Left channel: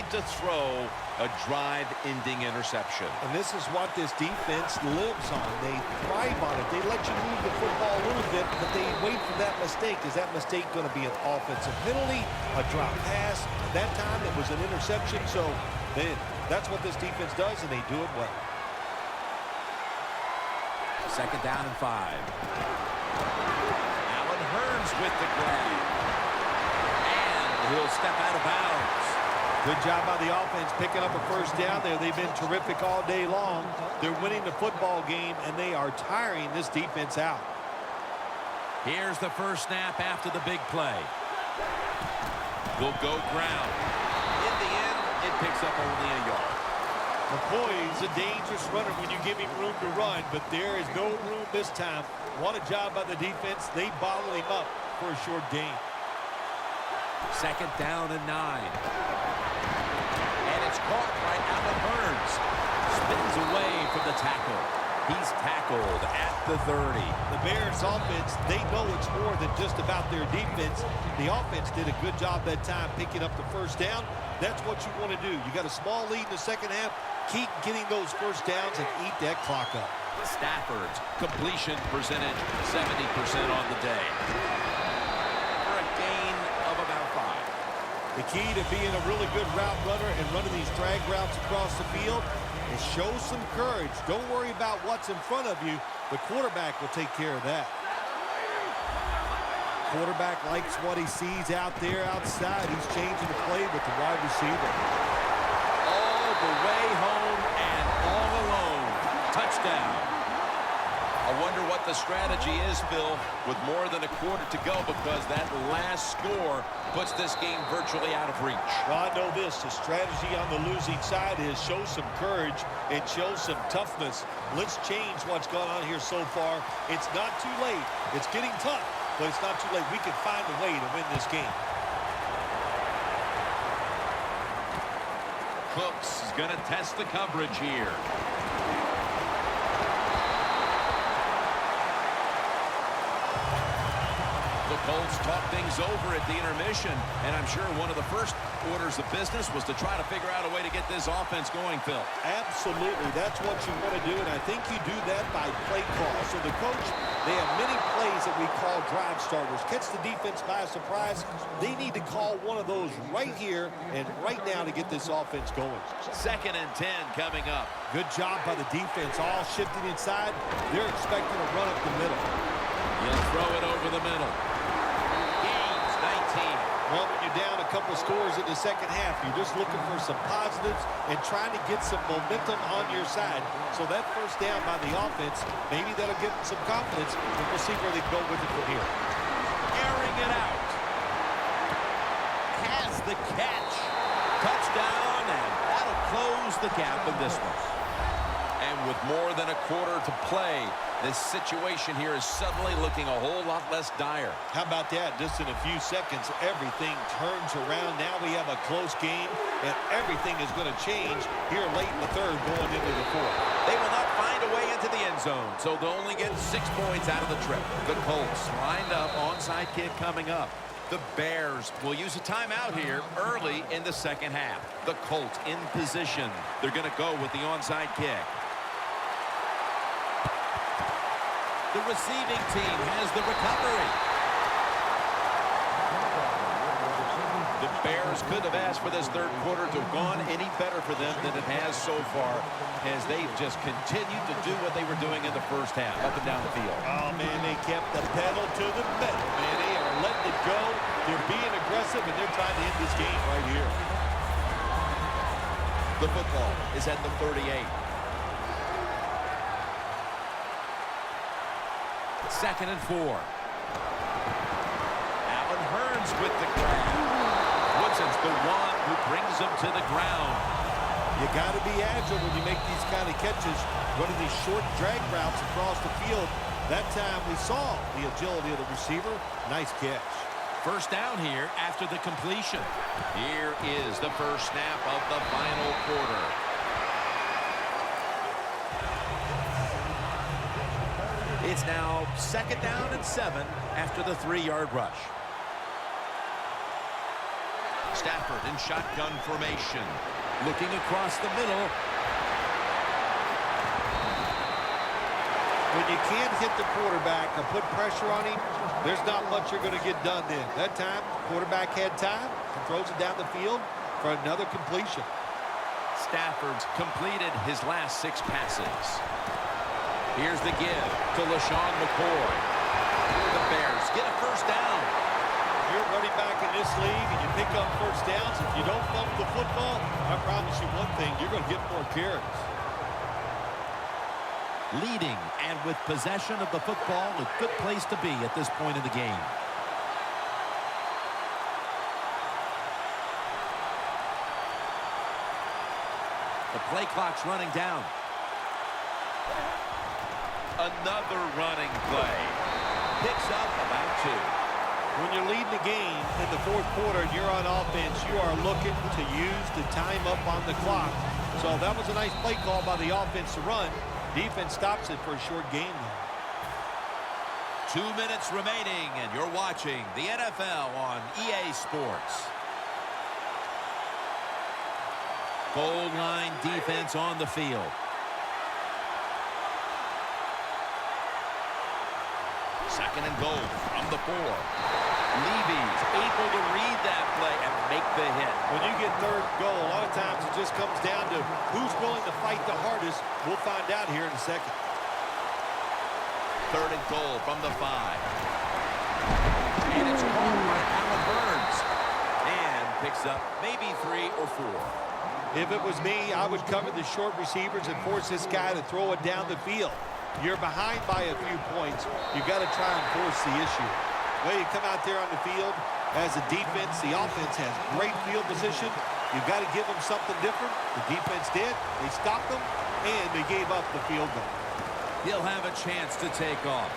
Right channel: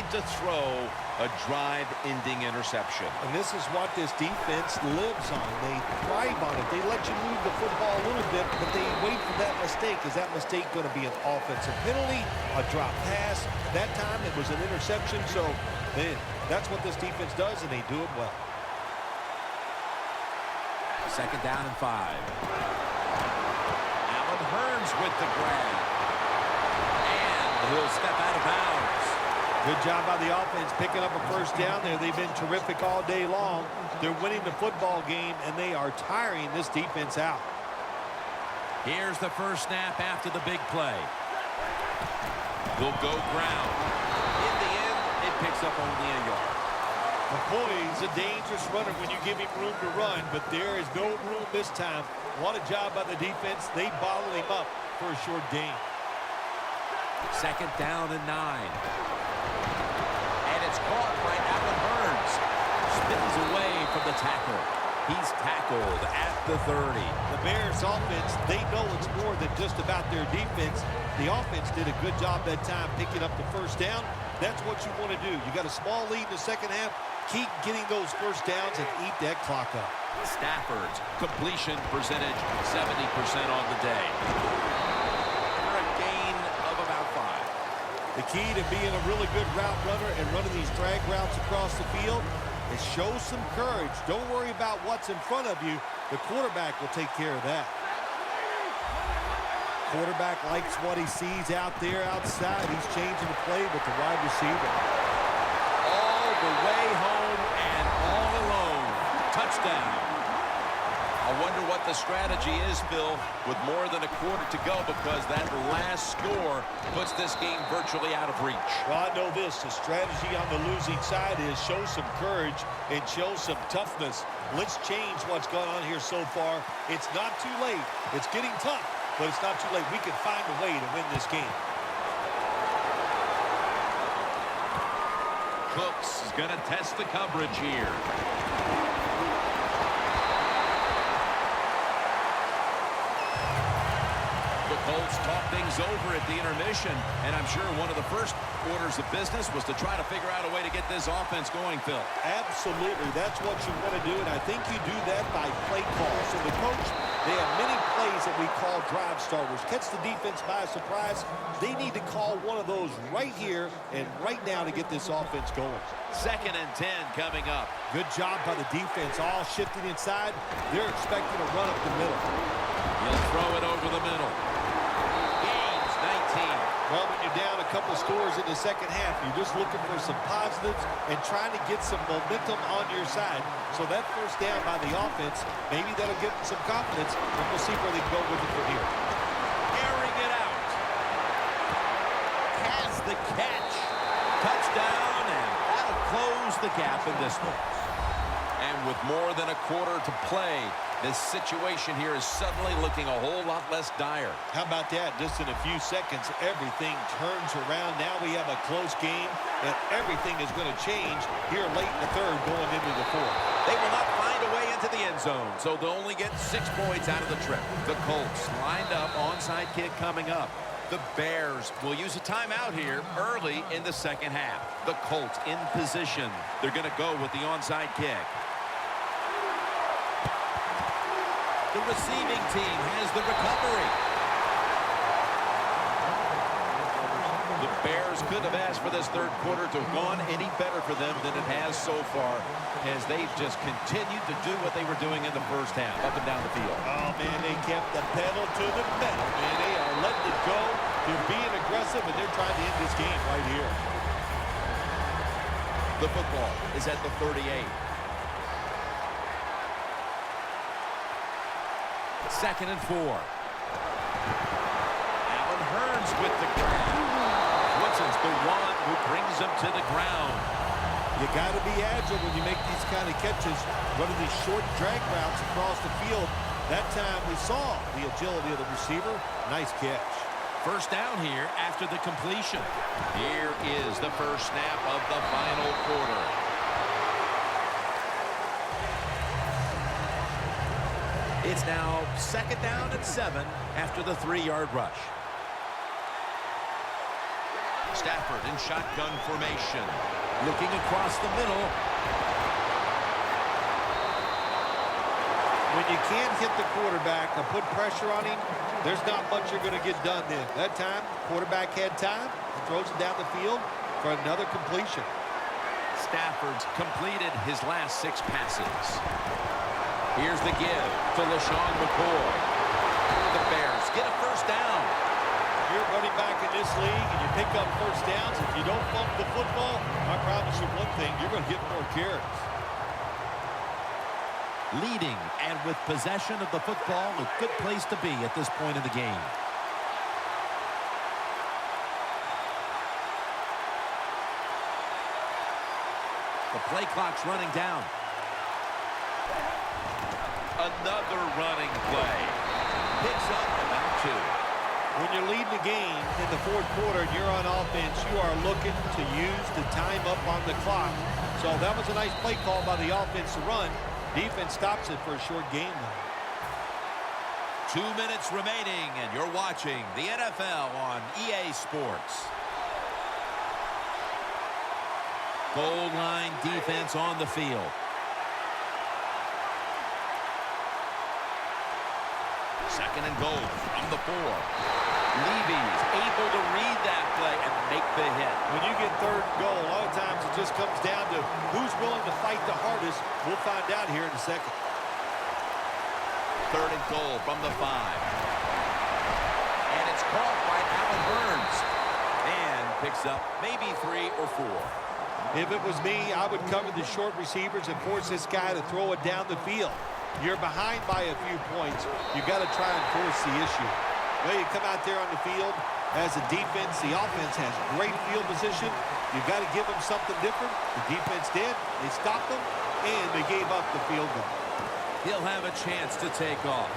failing to throw a drive-ending interception. And this is what this defense lives on. They thrive on it. They let you move the football a little bit, but they wait for that mistake. Is that mistake going to be an offensive penalty, a drop pass? At that time, it was an interception. So then that's what this defense does, and they do it well. 2nd down and 5. Allen Hurns with the grab. And he'll step out of bounds. Good job by the offense picking up a first down there. They've been terrific all day long. They're winning the football game, and they are tiring this defense out. Here's the first snap after the big play. He'll go ground. In the end, it picks up only a yard. McCoy's a dangerous runner when you give him room to run, but there is no room this time. What a job by the defense. They bottle him up for a short gain. 2nd down and 9. And it's caught by Allen Hurns. Spins away from the tackle. He's tackled at the 30. The Bears offense, they know it's more than just about their defense. The offense did a good job that time picking up the first down. That's what you want to do. You got a small lead in the second half. Keep getting those first downs and eat that clock up. Stafford's completion percentage 70% on the day. For a gain of about 5. The key to being a really good route runner and running these drag routes across the field is show some courage. Don't worry about what's in front of you. The quarterback will take care of that. Quarterback likes what he sees out there outside. He's changing the play with the wide receiver. All the way home and all alone. Touchdown. I wonder what the strategy is, Phil, with more than a quarter to go, because that last score puts this game virtually out of reach. Well, I know this. The strategy on the losing side is show some courage and show some toughness. Let's change what's gone on here so far. It's not too late. It's getting tough, but it's not too late. We can find a way to win this game. Cooks is going to test the coverage here. The Colts talk things over at the intermission, and I'm sure one of the first orders of business was to try to figure out a way to get this offense going, Phil. Absolutely. That's what you want to do, and I think you do that by play call. So the coach, they have many plays that we call drive starters. Catch the defense by surprise. They need to call one of those right here and right now to get this offense going. 2nd and 10 coming up. Good job by the defense, all shifting inside. They're expecting a run up the middle. He'll throw it over the middle. Gains 19. Well, when you're down a couple scores in the second half, you're just looking for some positives and trying to get some momentum on your side. So that first down by the offense, maybe that'll give them some confidence, and we'll see where they go with it from here. Airing it out. Has the catch. Touchdown, and that'll close the gap in this one. And with more than a quarter to play, this situation here is suddenly looking a whole lot less dire. How about that? Just in a few seconds, everything turns around. Now we have a close game, and everything is going to change here late in the third going into the fourth. They will not find a way into the end zone, so they'll only get 6 points out of the trip. The Colts lined up, onside kick coming up. The Bears will use a timeout here early in the second half. The Colts in position. They're going to go with the onside kick. The receiving team has the recovery. The Bears could have asked for this third quarter to have gone any better for them than it has so far, as they've just continued to do what they were doing in the first half, up and down the field. Oh, man, they kept the pedal to the metal, man. They are letting it go. They're being aggressive, and they're trying to end this game right here. The football is at the 38. 2nd and 4. Allen Hurns with the grab. Woodson's the one who brings him to the ground. You got to be agile when you make these kind of catches, running these short drag routes across the field. That time we saw the agility of the receiver. Nice catch. First down here after the completion. Here is the first snap of the final quarter. It's now 2nd down and 7 after the 3-yard rush. Stafford in shotgun formation. Looking across the middle. When you can't hit the quarterback or put pressure on him, there's not much you're going to get done then. That time, quarterback had time and throws it down the field for another completion. Stafford's completed his last 6 passes. Here's the give to LaShawn McCoy. The Bears get a first down. You're running back in this league and you pick up first downs. If you don't bump the football, I promise you one thing, you're going to get more carries. Leading and with possession of the football, a good place to be at this point in the game. The play clock's running down. Another running play. Picks up about 2. When you're leading the game in the fourth quarter and you're on offense, you are looking to use the time up on the clock. So that was a nice play call by the offense to run. Defense stops it for a short gain, though. 2 minutes remaining, and you're watching the NFL on EA Sports. Goal line defense on the field. Second and goal from the 4. Levy's able to read that play and make the hit. When you get third and goal, a lot of times it just comes down to who's willing to fight the hardest. We'll find out here in a second. Third and goal from the 5. And it's caught by Allen Burns. And picks up maybe 3 or 4. If it was me, I would cover the short receivers and force this guy to throw it down the field. You're behind by a few points. You got to try and force the issue. Well, you come out there on the field as a defense. The offense has great field position. You've got to give them something different. The defense did. They stopped them, and they gave up the field goal. He'll have a chance to take off.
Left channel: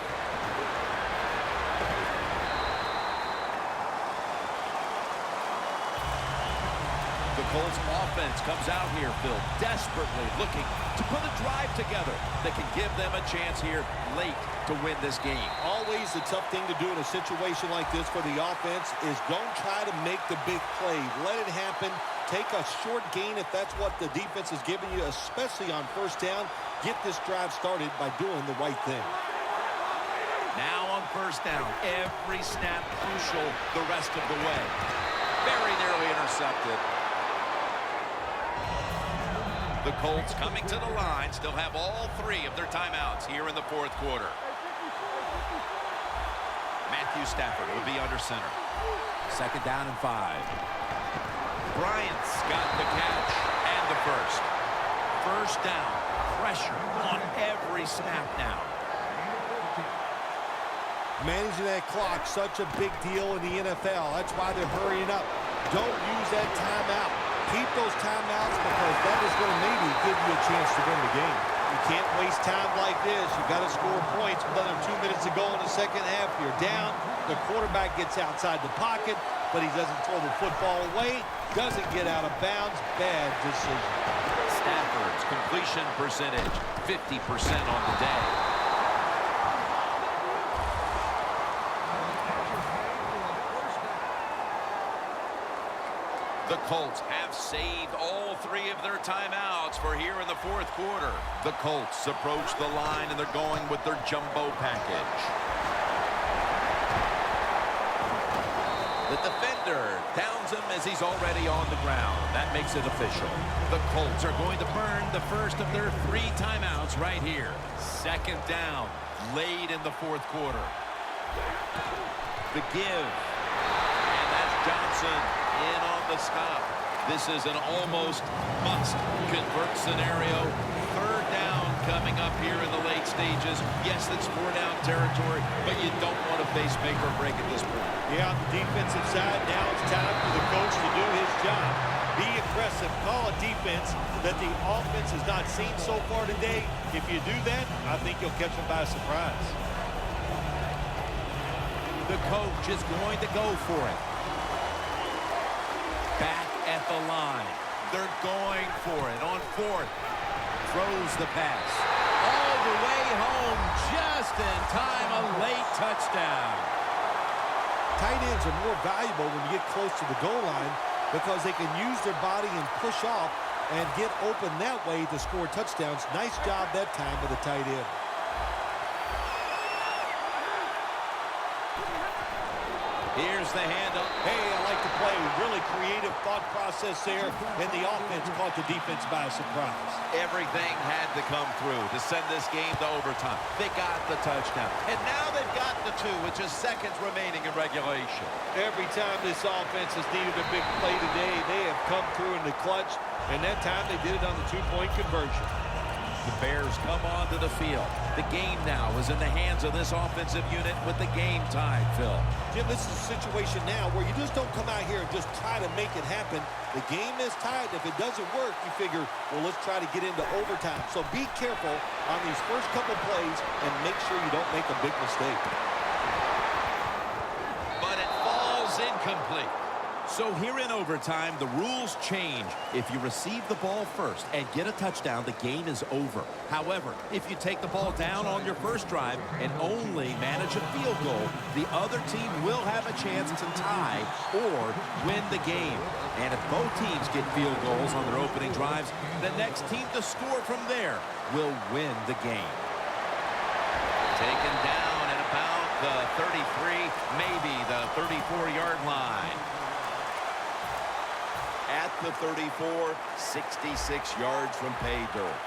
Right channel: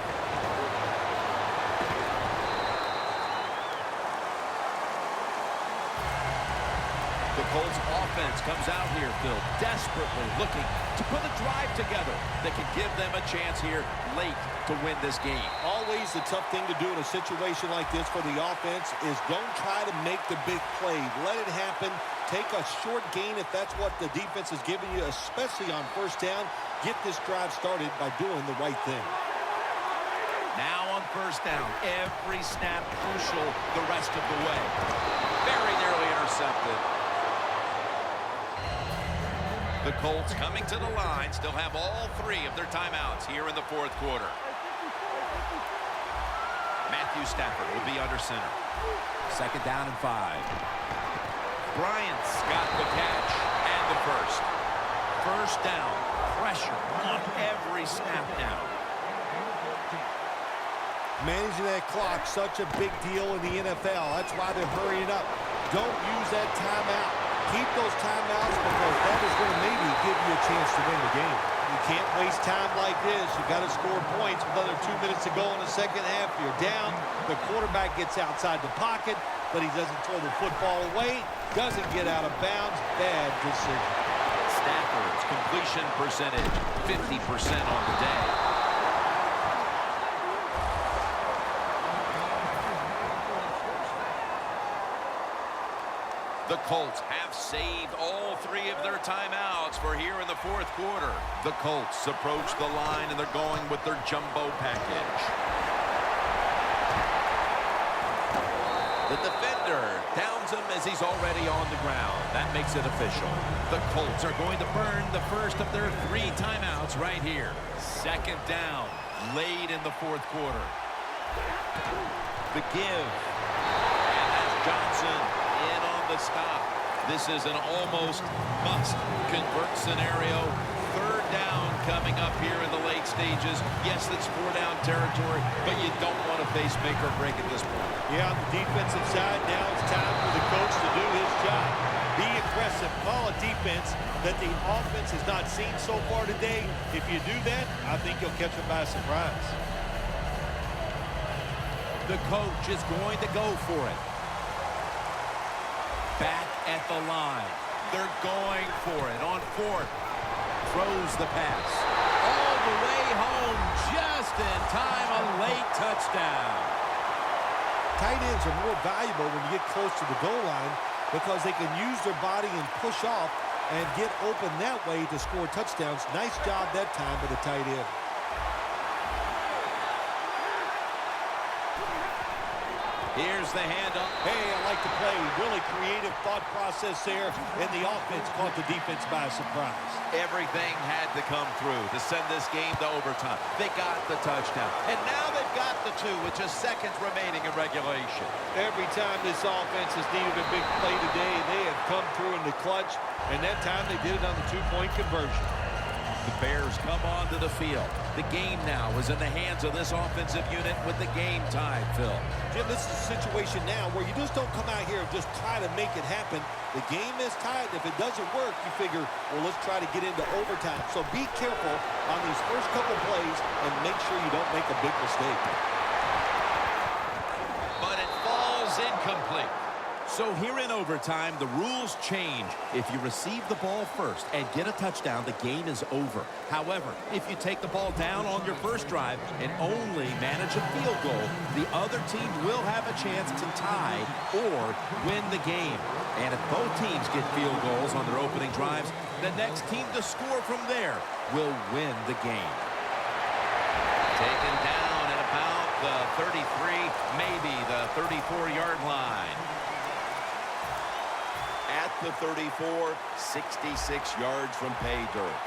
The Colts offense comes out here, Phil, desperately looking to put a drive together that can give them a chance here late to win this game. Always the tough thing to do in a situation like this for the offense is don't try to make the big play. Let it happen. Take a short gain if that's what the defense is giving you, especially on first down. Get this drive started by doing the right thing. Now on first down, every snap crucial the rest of the way. Very nearly intercepted. The Colts coming to the line still have all 3 of their timeouts here in the fourth quarter. Matthew Stafford will be under center. Second down and 5. Bryant's got the catch and the first. First down. Pressure on every snap now. Managing that clock, such a big deal in the NFL. That's why they're hurrying up. Don't use that timeout. Keep those timeouts because that is going to maybe give you a chance to win the game. You can't waste time like this. You got to score points with under 2 minutes to go in the second half. You're down. The quarterback gets outside the pocket, but he doesn't throw the football away. Doesn't get out of bounds. Bad decision. Stafford's completion percentage, 50% on the day. The Colts have saved all 3 of their timeouts for here in the fourth quarter. The Colts approach the line, and they're going with their jumbo package. The defender downs him as he's already on the ground. That makes it official. The Colts are going to burn the first of their 3 timeouts right here. Second down, late in the fourth quarter. The give. And that's Johnson in on the stop. This is an almost must-convert scenario. Third down coming up here in the late stages. Yes, that's 4-down territory, but you don't want to face make or break at this point. Yeah, on the defensive side, now it's time for the coach to do his job. Be aggressive. Call a defense that the offense has not seen so far today. If you do that, I think you'll catch them by surprise. The coach is going to go for it. Back at the line. They're going for it on 4th. Throws the pass. All the way home just in time. A late touchdown. Tight ends are more valuable when you get close to the goal line because they can use their body and push off and get open that way to score touchdowns. Nice job that time by the tight end. Here's the handoff. Hey, I like the play. Really creative thought process there, and the offense caught the defense by surprise. Everything had to come through to send this game to overtime. They got the touchdown, and now they've got the two with just seconds remaining in regulation. Every time this offense has needed a big play today, they have come through in the clutch, and that time they did it on the two-point conversion. The Bears come onto the field. The game now is in the hands of this offensive unit with the game tied, Phil. Jim, this is a situation now where you just don't come out here and just try to make it happen. The game is tied. If it doesn't work, you figure, well, let's try to get into overtime. So be careful on these first couple plays and make sure you don't make a big mistake. But it falls incomplete. So here in overtime, the rules change. If you receive the ball first and get a touchdown, the game is over. However, if you take the ball down on your first drive and only manage a field goal, the other team will have a chance to tie or win the game. And if both teams get field goals on their opening drives, the next team to score from there will win the game. Taken down at about the 33, maybe the 34-yard line. At the 34, 66 yards from pay dirt.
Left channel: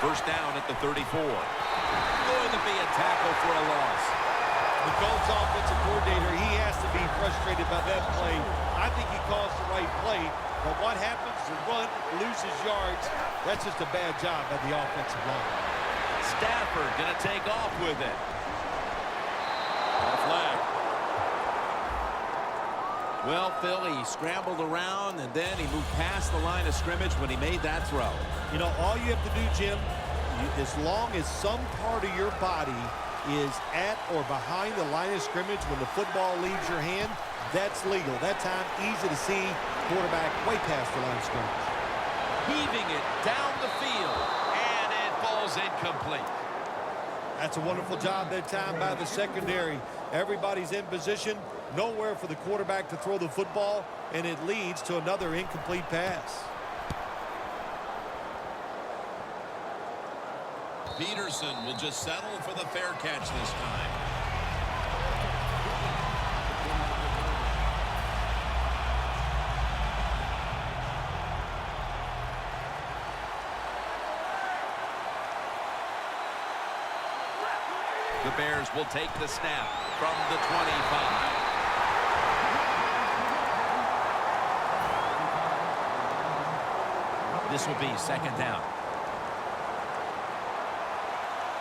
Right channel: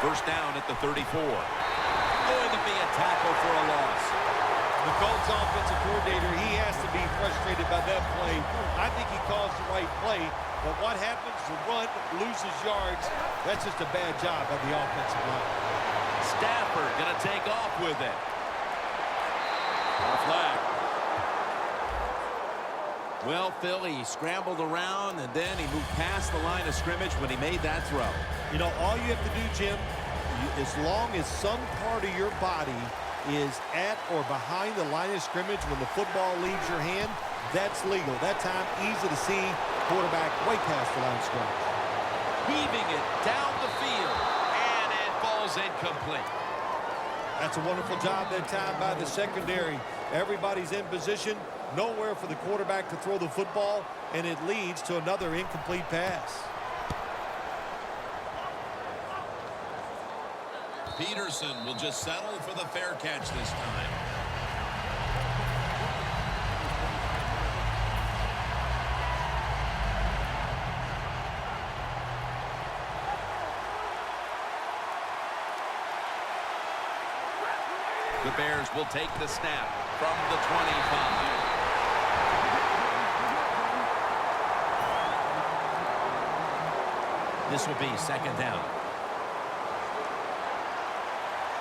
First down at the 34. Going to be a tackle for a loss. The Colts offensive coordinator, he has to be frustrated by that play. I think he calls the right play, but what happens? The run loses yards. That's just a bad job by the offensive line. Stafford going to take off with it. Got a flag. Well, Phil, he scrambled around, and then he moved past the line of scrimmage when he made that throw. You know, all you have to do, Jim, as long as some part of your body is at or behind the line of scrimmage when the football leaves your hand, that's legal. That time, easy to see, quarterback way past the line of scrimmage. Heaving it down the field, and it falls incomplete. That's a wonderful job that time by the secondary. Everybody's in position. Nowhere for the quarterback to throw the football, and it leads to another incomplete pass. Peterson will just settle for the fair catch this time. The Bears will take the snap from the 25. This will be second down.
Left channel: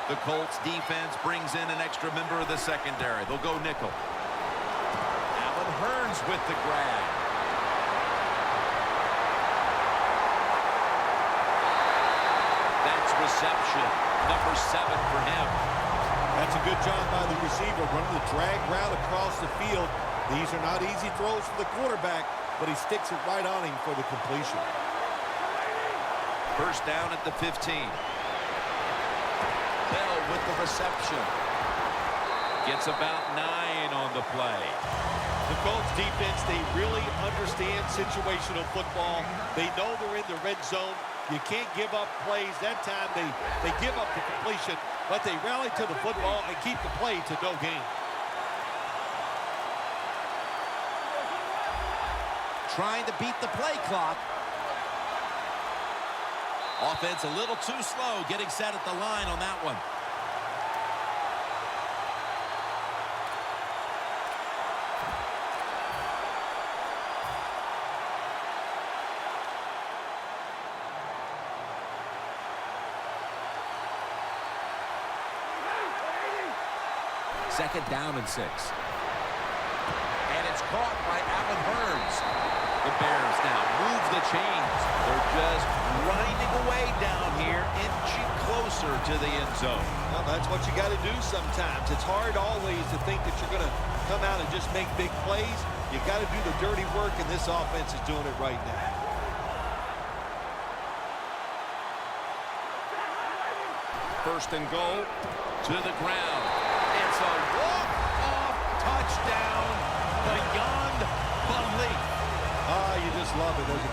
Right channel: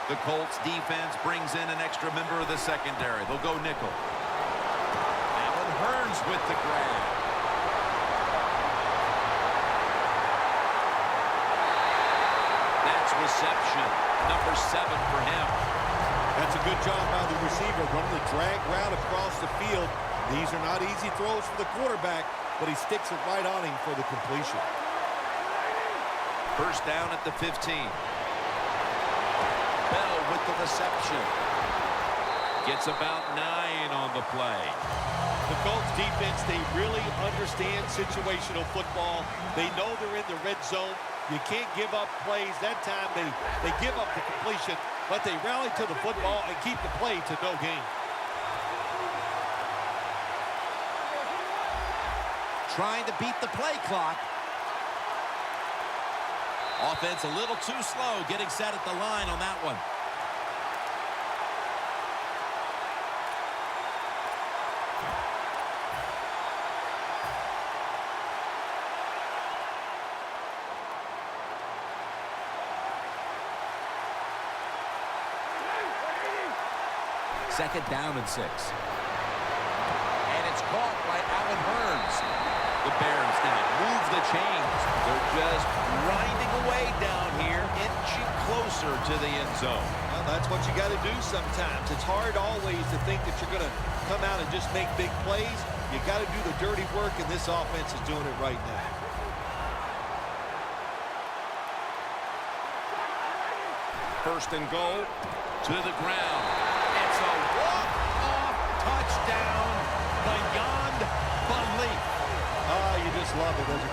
The Colts defense brings in an extra member of the secondary. They'll go nickel. Allen Hurns with the grab. That's reception. Number 7 for him. That's a good job by the receiver, running the drag route across the field. These are not easy throws for the quarterback, but he sticks it right on him for the completion. First down at the 15. Bell with the reception. Gets about 9 on the play. The Colts defense, they really understand situational football. They know they're in the red zone. You can't give up plays. That time they give up the completion, but they rally to the football and keep the play to no gain. Trying to beat the play clock. Offense a little too slow getting set at the line on that one. Second down and 6. And it's caught by Allen Hurns. The Bears now move the chains. They're just grinding away down here, inching closer to the end zone. Well, that's what you got to do sometimes. It's hard always to think that you're going to come out and just make big plays. You got to do the dirty work, and this offense is doing it right now. First and goal to the ground. It's a walk-off touchdown beyond belief. Ah, you just love it. There's a